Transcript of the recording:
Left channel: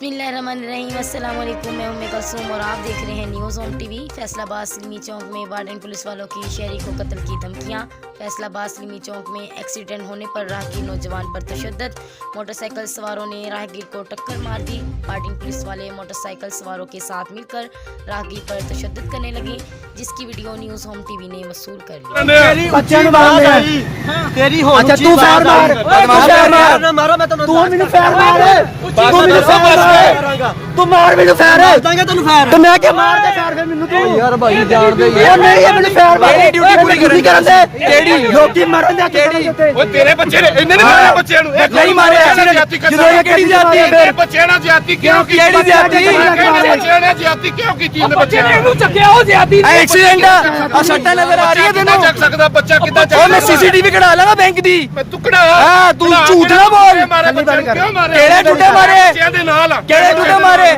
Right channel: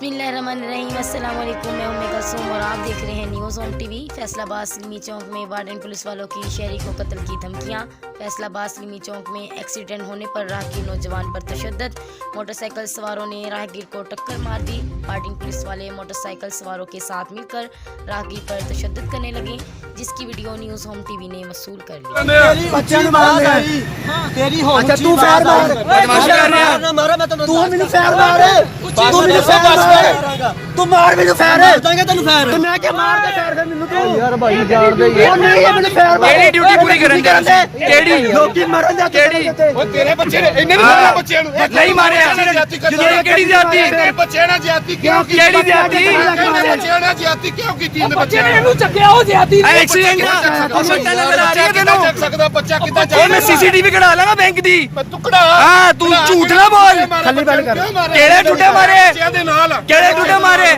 बिस्मिल्लाहिर्रहमानिर्रहीम, अस्सलाम वालेकुम। मैं उम्मे कुलसूम और आप देख रहे हैं न्यूज़ होम टीवी। फैसलाबाद सिलमी चौक में वार्डन पुलिस वालों की शहरी को कत्ल की धमकियां। फैसलाबाद सिलमी चौक में एक्सीडेंट होने पर राहगीर नौजवान पर तशद्दुद। मोटरसाइकिल सवारों ने राहगीर को टक्कर मार दी। वार्डन पुलिस वाले मोटरसाइकिल सवारों के साथ मिलकर राहगीर पर तशद्दुद करने लगे, जिसकी वीडियो न्यूज़ होम टीवी ने वसूल कर ली। ड्यूटी पूरी करन तेरी लोकी मारन दा ओ तेरे बच्चे ने इन्ने ने मारे बच्चे नु नहीं मारे जाति करदा केड़ी जाति तेरे बच्चे ना जाति क्यों की केड़ी जाति बच्चे ने जाति क्यों की तीन बच्चे ने नु चक्के ओ जाति एक्सीडेंट आ सट्टा नजर आ रही है तेनु चक सकदा बच्चा किदा ओ मैं सीसीटीवी कढा लांगा बैंक दी तू कढा हां तू झूठ ना बोल केड़े टुटे मारे बच्चे दे नाल केड़े टुटे मारे